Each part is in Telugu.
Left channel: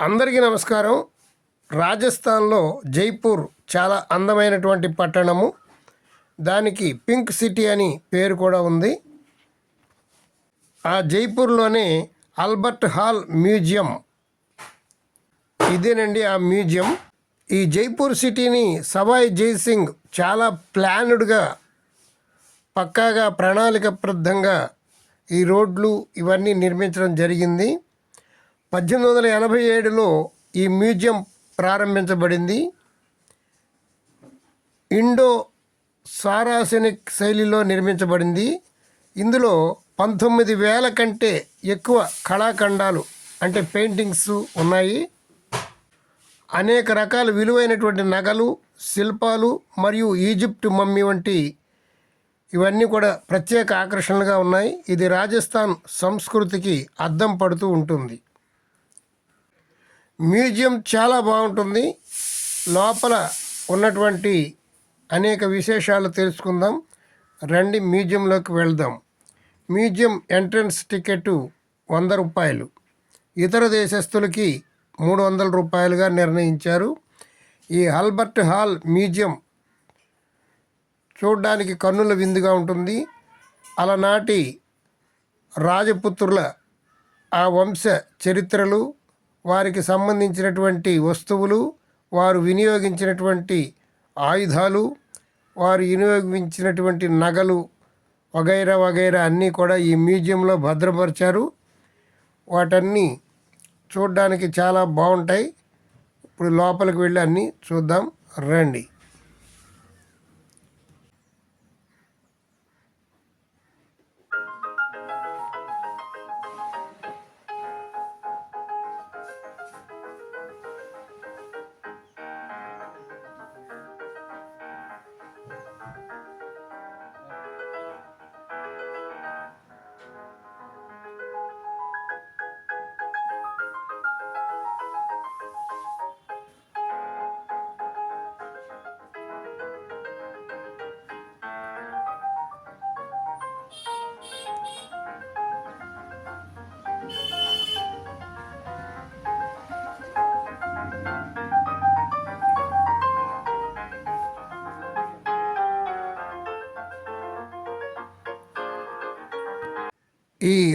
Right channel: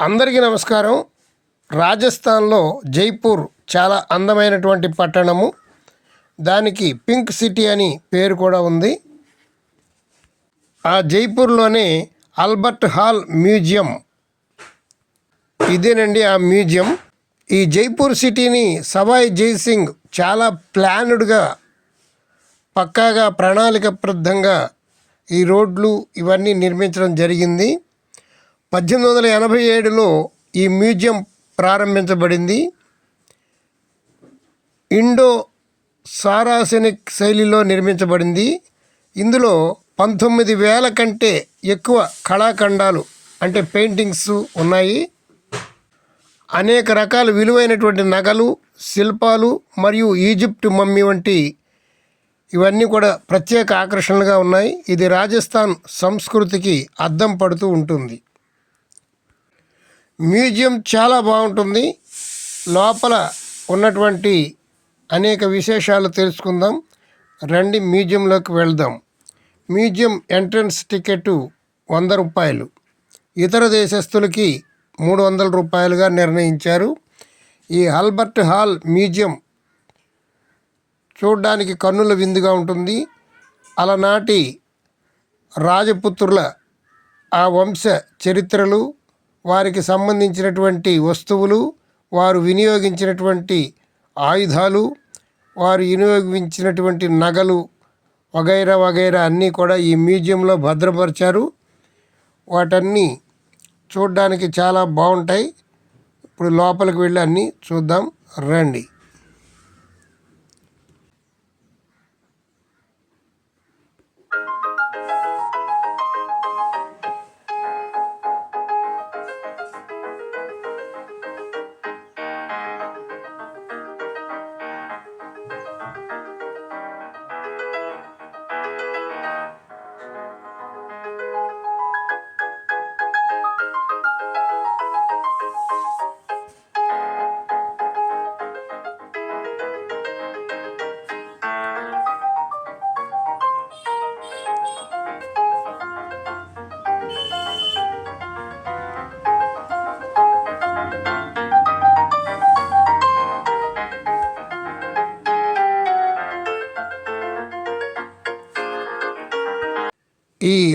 అందరికీ నమస్కారం. రాజస్థాన్లో జైపూర్ చాలా అందమైనటువంటి పట్టణము. దానికి పింక్ సిటీ అని పేరు కూడా ఉంది. ఆ జైపూర్లోనే ఆల్బర్ట్ హాల్ మ్యూజియం. ఇదేనండి ఆ మ్యూజియం. ఈ జైపూర్ సిటీని సవాయ్ జైసింగ్ చాలా ప్లాన్డ్గా పక్కాగా ప్రణాళికబద్ధంగా ఈ రోడ్లు ఇవన్నీ నిర్మించడం జరిగింది. పద్దెనిమిది వందల ఎనభై ఏడులో ఈ మ్యూజియం ప్రారంభించబడింది. ఇండో సారాసెనిక్ శైలిలో నిర్మించబడింది. ఇందులో పంతొమ్మిది వేల కంటే ఎక్కువ కళాఖండాలు అంటే పెయింటింగ్స్ ఉన్నాయి. అనేక రకాల విలువైనటువంటి నగలు శిల్పాలు మరియు ఈజిప్ట్ మమ్మీ వంటి ఇవన్నీ కూడా ప్రత్యేక ఆకర్షణలుగా ఉన్నాయి. ఇది రాజస్థాన్ సంస్కృతికి అద్దం పడుతూ ఉంటుంది. మ్యూజియం చాలా బాగుంటుంది. లోపల ఉన్నటువంటి అనేక విశేషాలు తెలుసుకుందాం. రండి మ్యూజియంలోకి వెళ్దాం. మ్యూజియం ఎంట్రన్స్ టికెట్ వంద రూపాయలు. ఇతర దేశస్తులకి మూడు వందల రూపాయలుగా నిర్ణయించారు. ఈ ఆల్బర్ట్ హాల్ మ్యూజియం చూడడానికి కన్నుల విందుగా ఉంటుంది. అలనాటి రాజపుత్రుల ఆ వంశ చరిత్రలు వారికి సంబంధించినటువంటి వస్తువులు వారు వినియోగించినటువంటి ఆయుధాలు వారు వినియోగించినటువంటి నగలు వగైరా వగైరా అన్నీ కూడా ఈ మ్యూజియంలో భద్రపరిచారు. వాటన్నీ చూడడానికి చాలా బాగుంటాయి. ఇప్పుడు లోపలికి వెళ్ళి అన్నీ చూద్దాం రండి.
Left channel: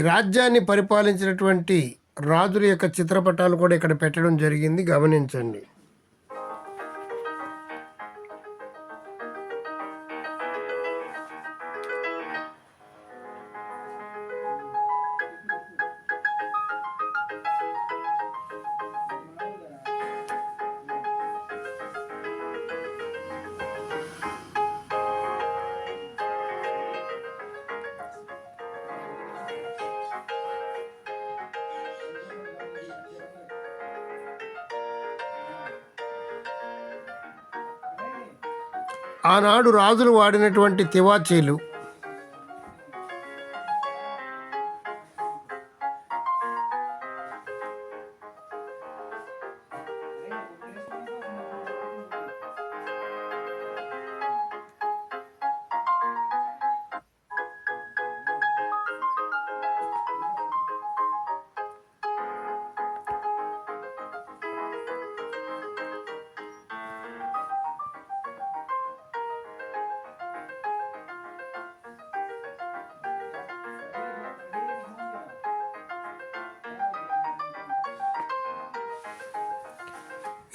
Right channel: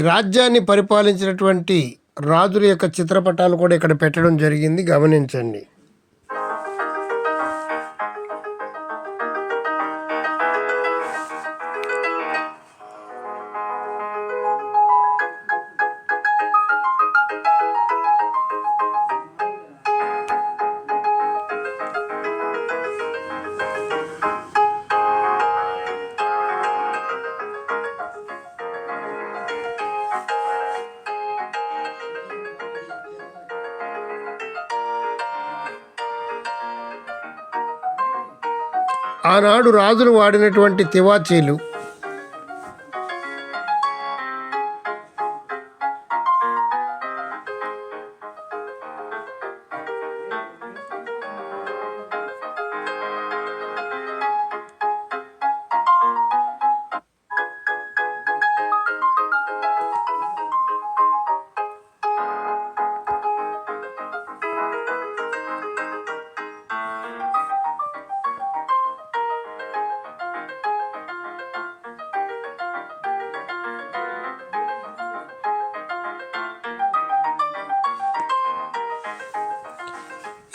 రాజ్యాన్ని పరిపాలించినటువంటి రాజుల యొక్క చిత్రపటాలు కూడా ఇక్కడ పెట్టడం జరిగింది. గమనించండి. ఆనాడు రాజులు వాడినటువంటి తివాచీలు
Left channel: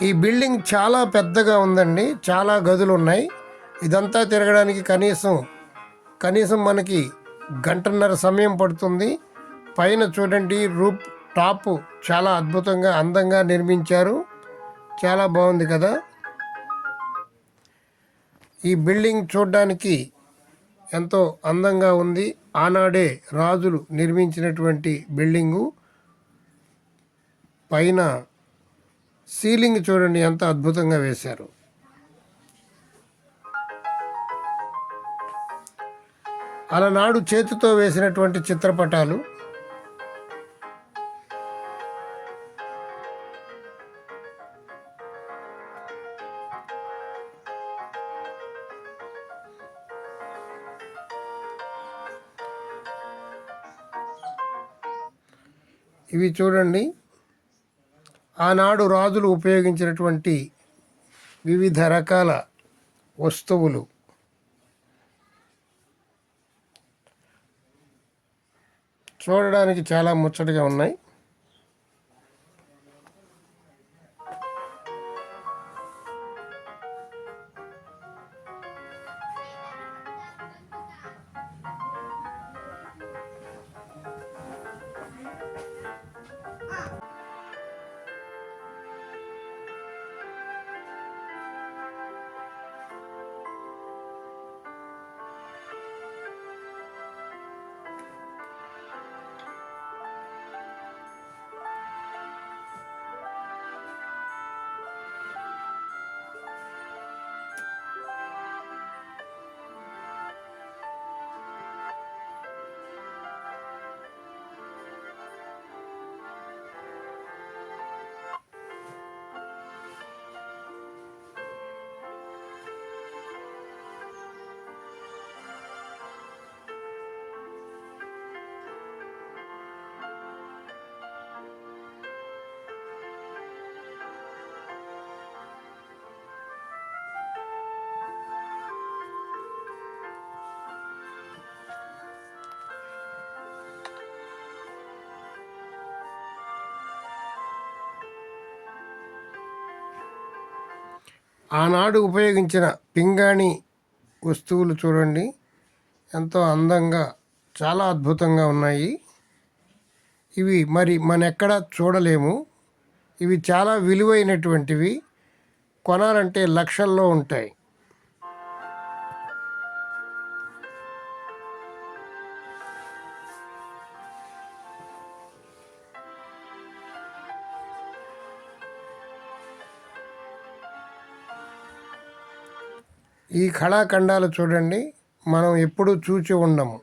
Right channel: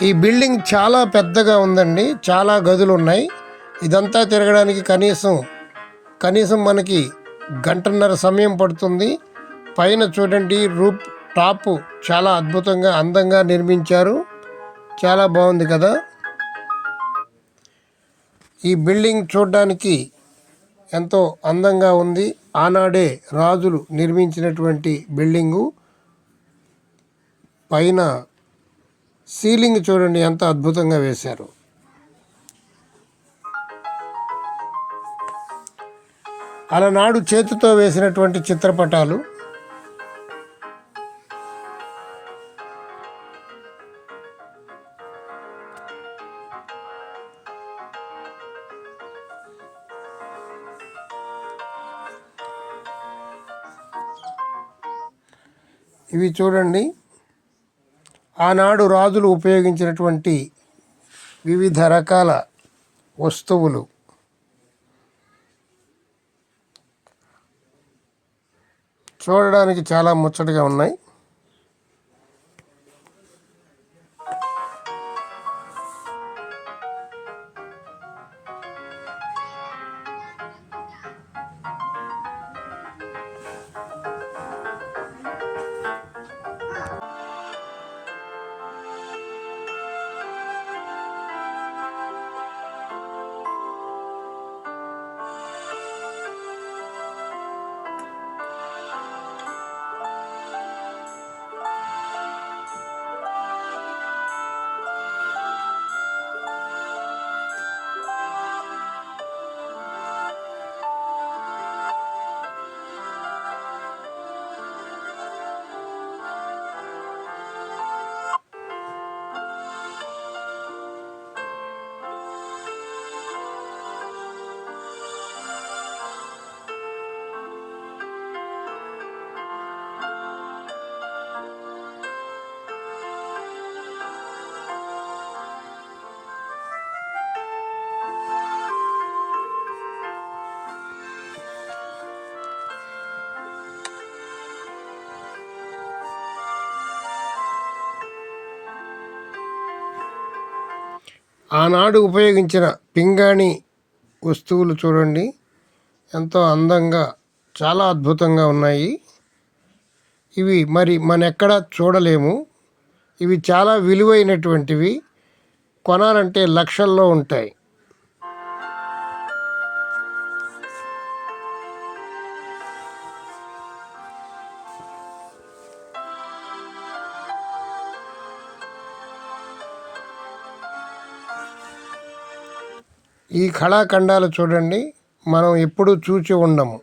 ఈ బిల్డింగ్ చాలా పెద్దగా ఉందండి. చాలా గదులు ఉన్నాయి ఇదంతా తిరగడానికి కనీసం కనీసం మనకి గంటన్నర సమయం పడుతుంది. పైన చూడండి రూప్ టాప్ చాలా అద్భుతంగా అందంగా నిర్మించారు. చాలా బాగుంది కదా. ఈ బిల్డింగ్ చూడడానికి ఎంతో అందంగా ఉంది. ఆనాడే రాజులు నిర్మించినటువంటి బిల్డింగు. పైన సీలింగ్ చూడండి ఎంత అద్భుతంగా వేశారు. అలనాడు చేతితో వేసినటువంటి చిత్రపటాలు. ఇవి చూడండి. ఆనాడు రాజులు ఉపయోగించినటువంటి వివిధ రకాల వస్తువులు. చూడడానికి చాలా ముచ్చటగా ఉన్నాయి. ఆనాడు ఉపయోగించిన పింగాణి వస్తువులు చూడండి. ఎంతో అందంగా చాలా అద్భుతంగా ఉన్నాయి. ఇవి మరి మనెక్కడ చూడలేము. ఇవి చాలా విలువైనటువంటివి. కొనాలంటే లక్షల్లో ఉంటాయి. ఈ కళాఖండాలు చూడండి. మనం ఎప్పుడూ చూచి ఉండము.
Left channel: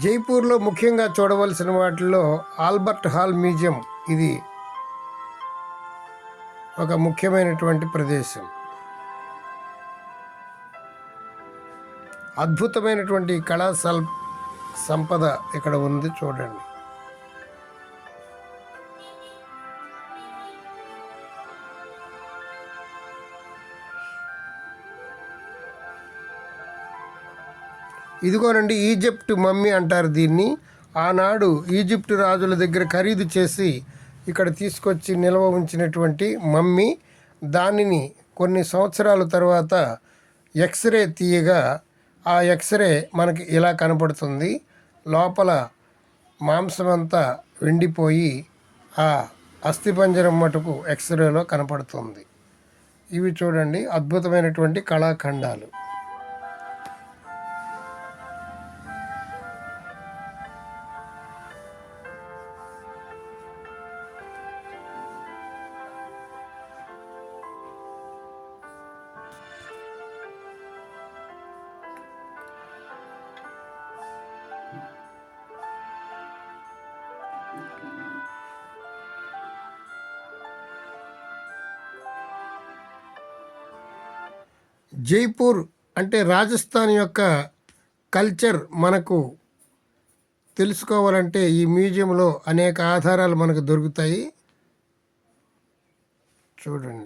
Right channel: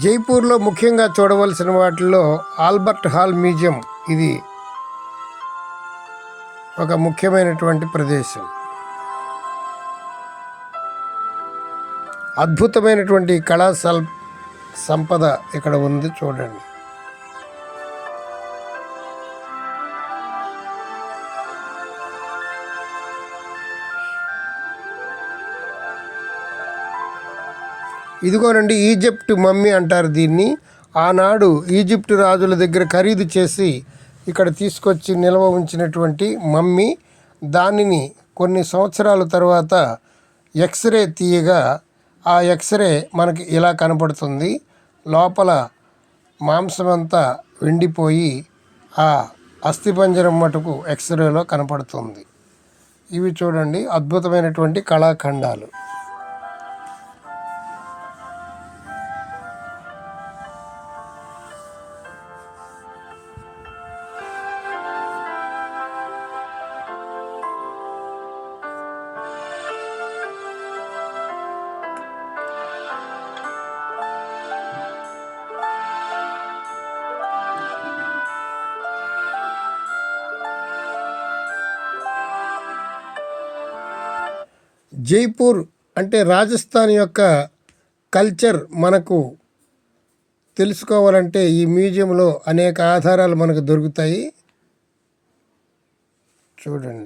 జైపూర్లో ముఖ్యంగా చూడవలసిన వాటిల్లో ఆల్బర్ట్ హాల్ మ్యూజియం ఇది ఒక ముఖ్యమైనటువంటి ప్రదేశం. అద్భుతమైనటువంటి కళా సంపద ఇక్కడ ఉంది చూడండి. ఇదిగోనండి ఈజిప్ట్ మమ్మీ అంటారు దీన్ని. ఆనాడు ఈజిప్ట్ రాజుల దగ్గర ఖరీదు చేసి ఇక్కడ తీసుకొచ్చి నిల్వ ఉంచినటువంటి మమ్మీ దానిని కొన్ని సంవత్సరాల తర్వాత ఎక్స్రే తీయగా ఆ ఎక్స్రే మనకి ఇలా కనపడుతుంది. లోపల మాంసం అంతా వెండిపోయి ఆ అస్థిపంజరం మటుకు ఎక్స్రేలో కనపడుతుంది. ఇవి చూడండి అద్భుతమైనటువంటి కళాఖండాలు. జైపూర్ అంటే రాజస్థాన్ యొక్క కల్చర్ మనకు తెలుసుకోవాలంటే ఈ మ్యూజియంలో అనేక ఆధారాలు మనకు దొరుకుతాయి. చూడండి.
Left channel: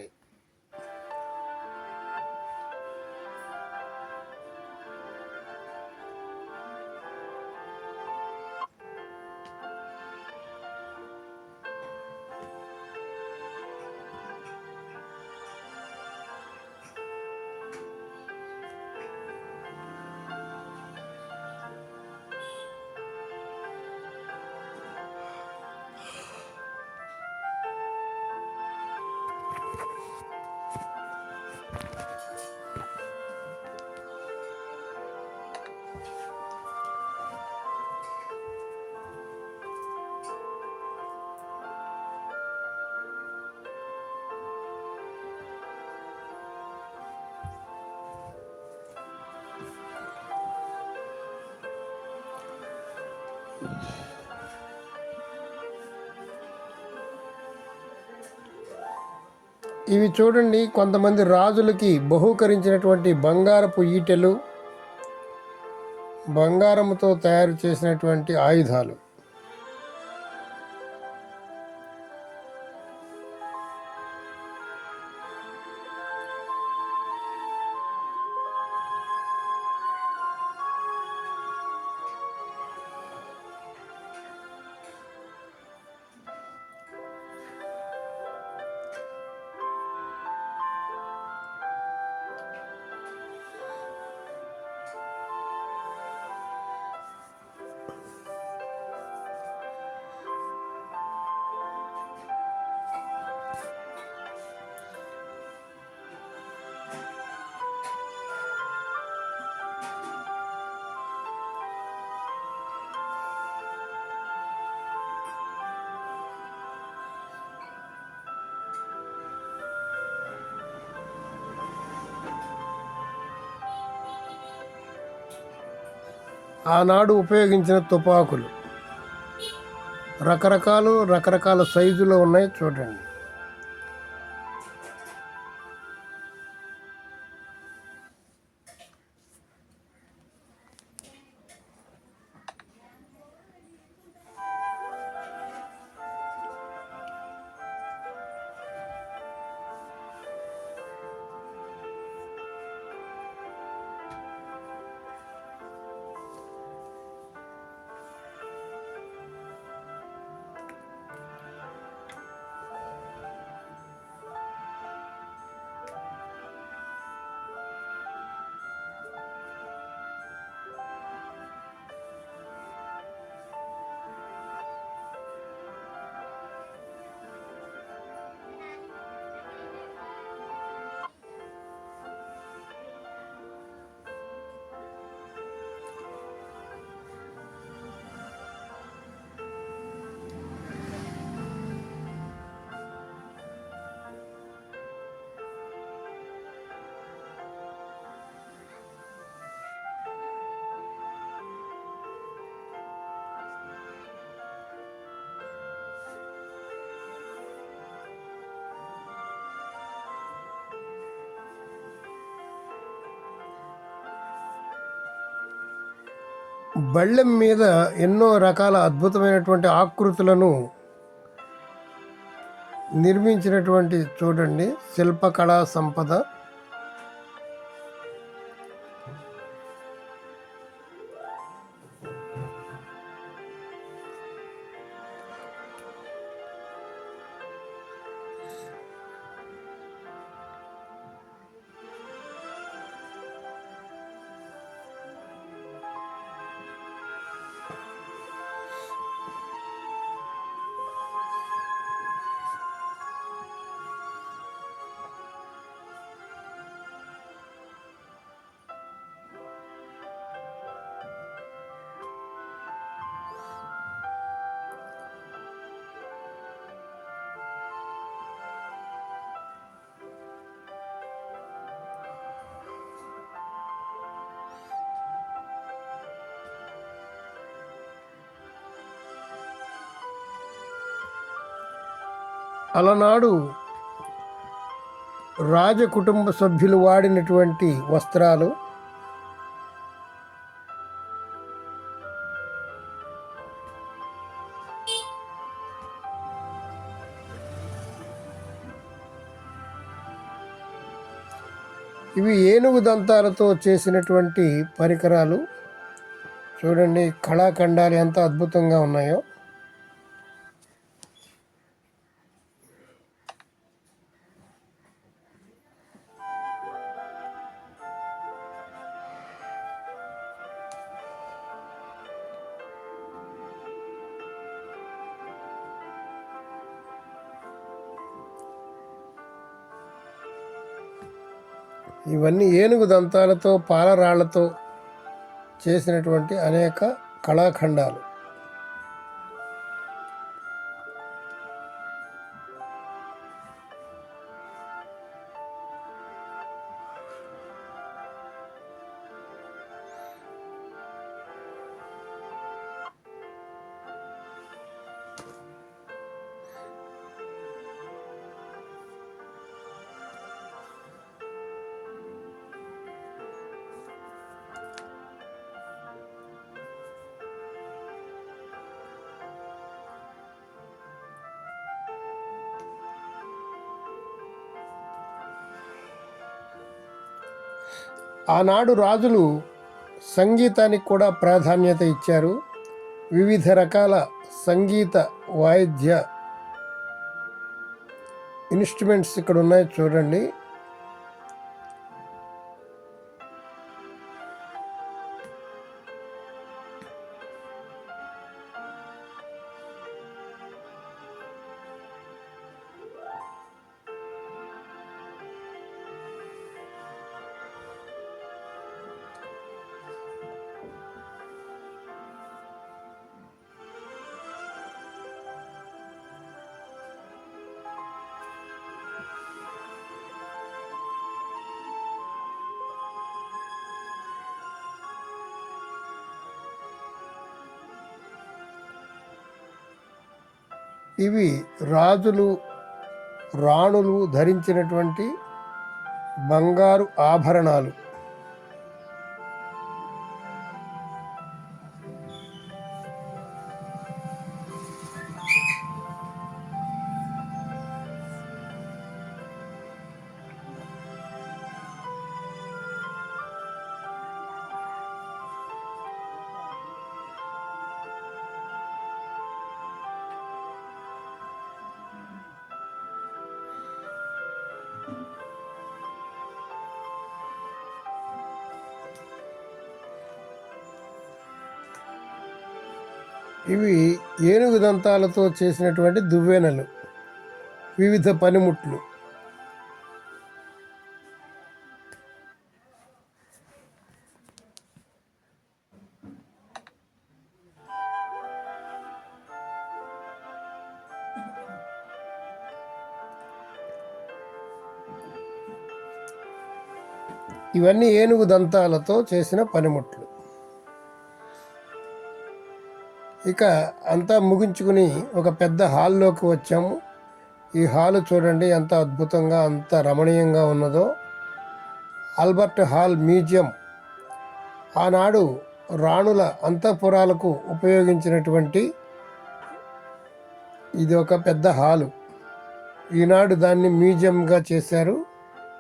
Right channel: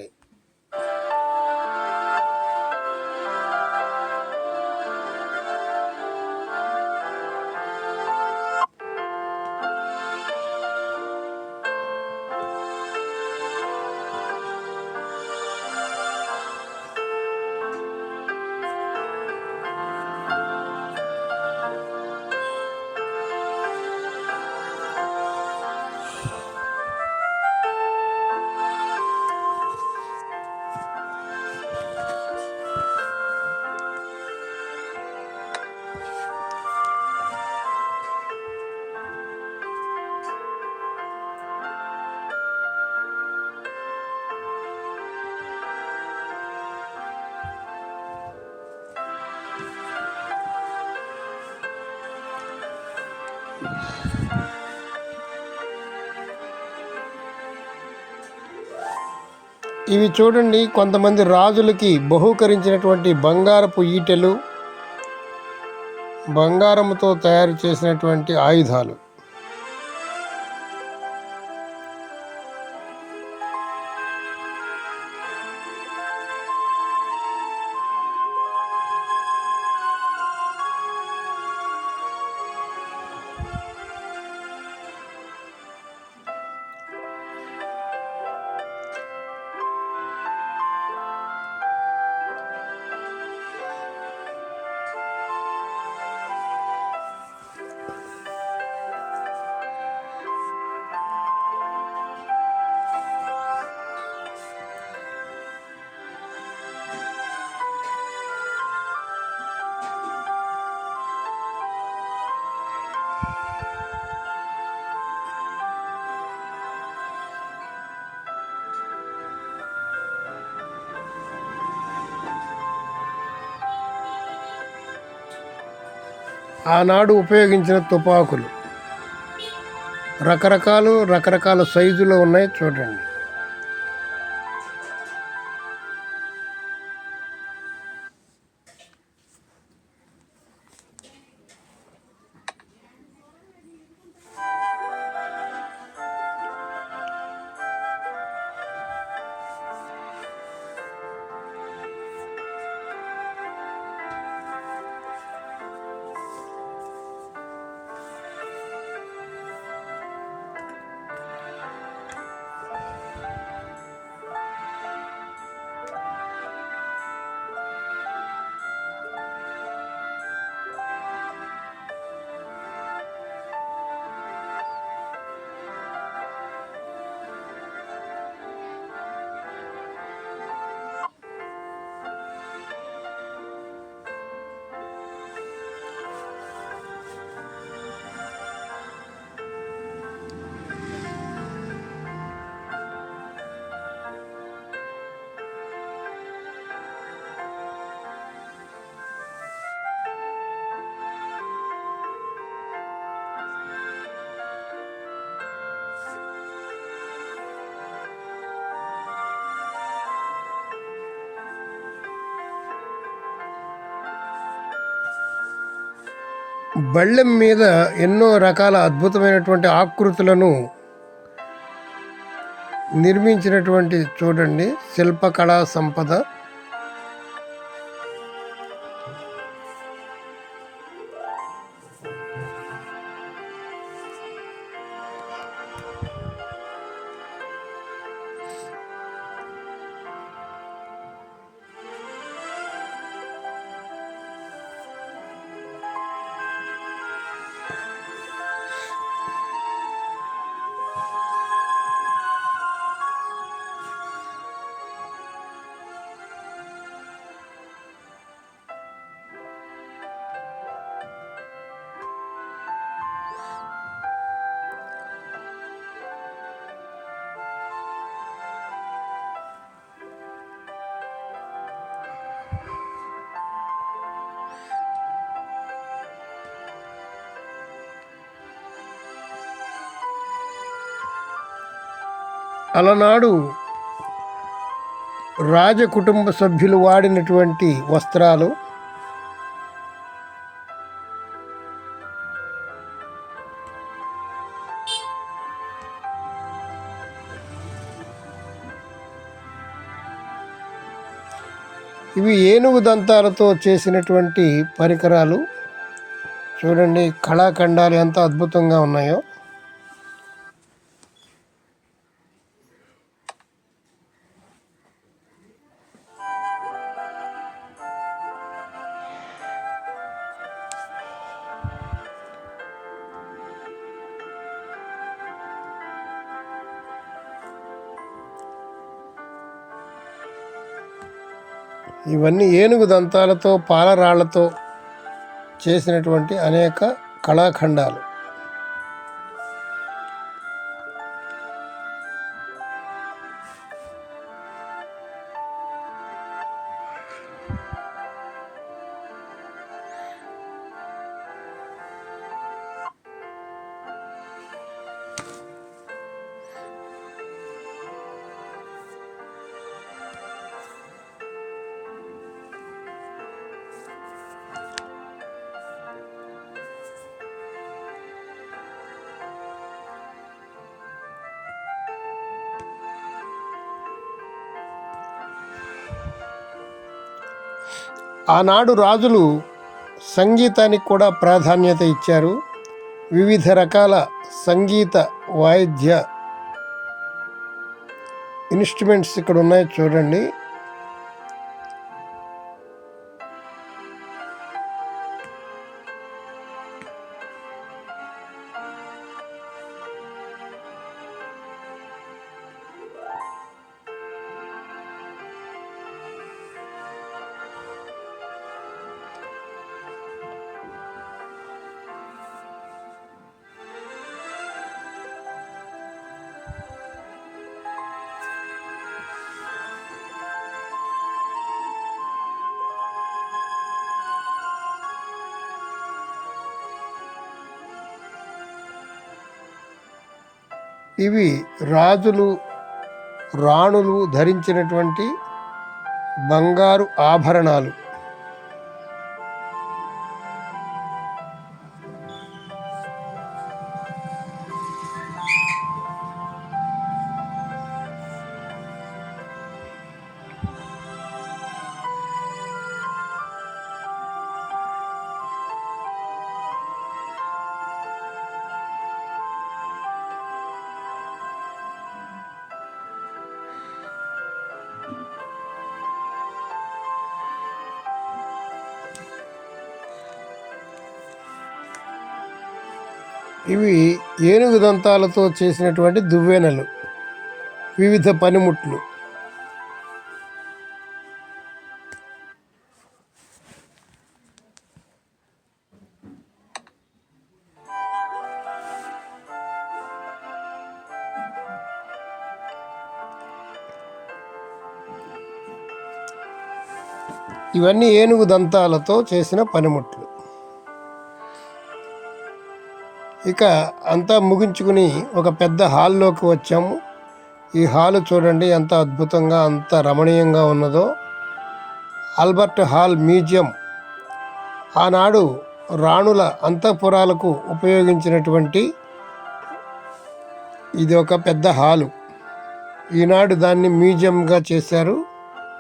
ఇవి చూడండి కొంతమంది రాజులకి బహూకరించినటువంటి బంగారపు ఈటెలు బంగారముతో తయారు చేసినటువంటి ఆయుధాలు. ఆనాడు ఉపయోగించిన తుపాకులు. రకరకాలు రకరకాల సైజులో ఉన్నాయి చూడండి. బళ్ళెం మీద ఎన్నో రకాల అద్భుతమైనటువంటి ఆకృతులను నిర్మించినటువంటి చూడండి శిల్పకళా సంపద. అలనాడు రాజ కుటుంబ సభ్యులు వాడినటువంటి వస్త్రాలు ఇవి ఏనుగు దంతాలతో చేసినటువంటి పరికరాలు. చూడండి కళాఖండాలు ఎంత అద్భుతంగా ఉన్నాయో. ఇవన్నీ ఏనుగు దంతాలతో పాలరాళ్ళతో చేసినటువంటి అనేక కళాఖండాలు. ఆనాడు రాజులు సంగీతానికి కూడా ప్రాధాన్యత ఇచ్చారు. వివిధ రకాల సంగీత వాయిద్య ఇన్స్ట్రుమెంట్స్ ఇక్కడ ఉన్నాయి చూడండి. ఇవి రాజులు రాణులు ధరించినటువంటి బంగారు ఆభరణాలు. ఇవి ఏనుగు దంతాలతో చేసినటువంటి దువ్వెనలు వివిధ పనిముట్లు. ఇవన్నీ ఏనుగు దంతాలతో చేసిన పనిముట్లు. ఇక అంతా ముగించుకుని ఒక పెద్ద హాల్లోకి వచ్చాము. ఈ హాల్ చూడండి ఎంత అద్భుతంగా అంత రమణీయంగా ఉన్నదో. Albert Hall Museum. ఆనాడు రాణుల అంతఃపురాలకు ఉపయోగించినటువంటి ఇది ఒక పెద్ద హాలు. ఈనాడు దాన్ని మ్యూజియంగా చేశారు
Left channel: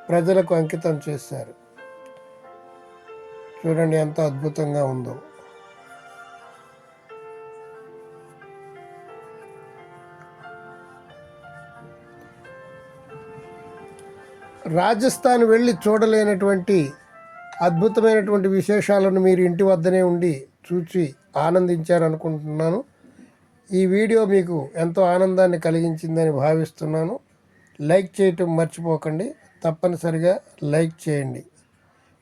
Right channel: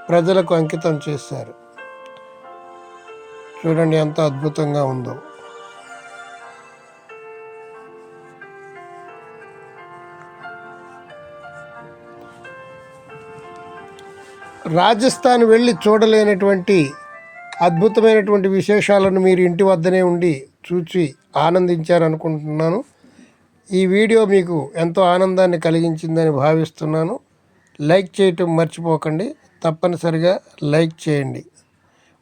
ప్రజలకు అంకితం చేశారు. చూడండి ఎంత అద్భుతంగా ఉందో. రాజస్థాన్ వెళ్ళి చూడలేనటువంటి అద్భుతమైనటువంటి విశేషాలను మీరు ఇంటి వద్దనే ఉండి చూచి ఆనందించారనుకుంటున్నాను ఈ వీడియో మీకు ఎంతో ఆనందాన్ని కలిగించిందని భావిస్తున్నాను. లైక్ చేయటం మర్చిపోకండి. తప్పనిసరిగా లైక్ చేయండి.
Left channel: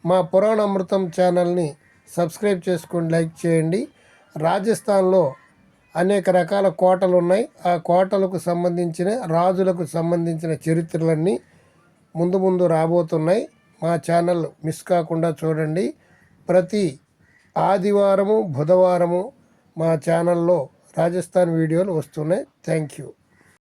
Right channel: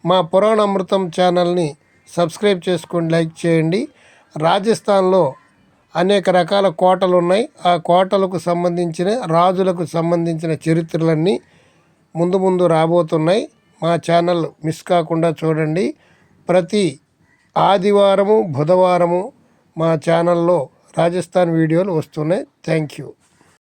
మా పురాణ అమృతం ఛానల్ని సబ్స్క్రైబ్ చేసుకొని లైక్ చేయండి. రాజస్థాన్లో అనేక రకాల కోటలు ఉన్నాయి ఆ కోటలకు సంబంధించిన రాజులకు సంబంధించిన చరిత్రలన్నీ ముందు ముందు రాబోతున్నాయి. మా ఛానల్ మిస్ కాకుండా చూడండి. ప్రతి ఆదివారము బుధవారము మా ఛానల్లో రాజస్థాన్ వీడియోలు వస్తున్నాయి. Thank you.